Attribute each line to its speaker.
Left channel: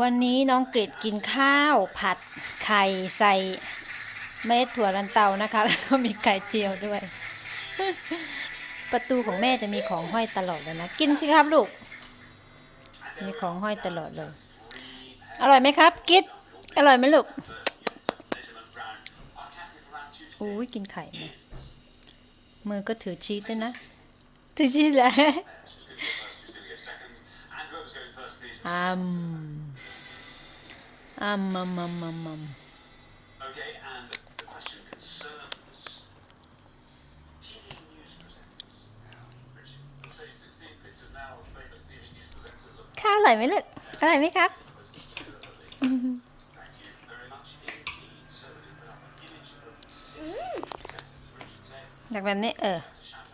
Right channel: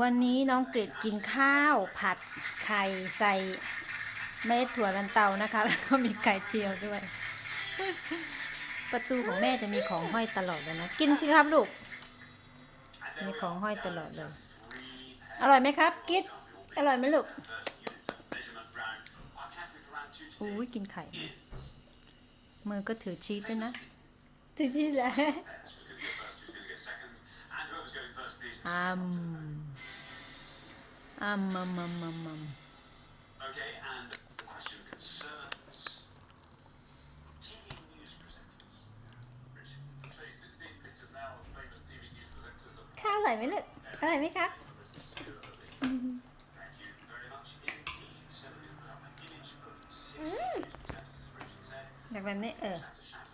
Speaker 1: วันนี้น้องกริดกินข้าวผัดไข่ใส่เม็ดถั่วลันเตานะคะ แล้วก็มีไข่เจียวด้วย ประตูของแม่จะมีของห้อยตลอดเลยนะ กินสิครับลูก มีของห้อยตลอดเลย อร่อยไหมครับ กิดอร่อยไหมลูกอุ้ยกินไข่นะมือก็ถือชีสด้วยนะ ถือชีสแหละ อืมอืมมัมมัมมัมมัม
Speaker 2: Okay, and the question concerns TV news presenters. Richard, I'll show you 16 pictures now of famous TV news presenters. Of
Speaker 1: ข้าวอร่อยไหมลูกอร่อยไหมครับ
Speaker 2: Thank you very much indeed. So we're going to put up an image of 16 presenters, as Richard said,
Speaker 1: อยากแบบนี้เออ
Speaker 2: to shout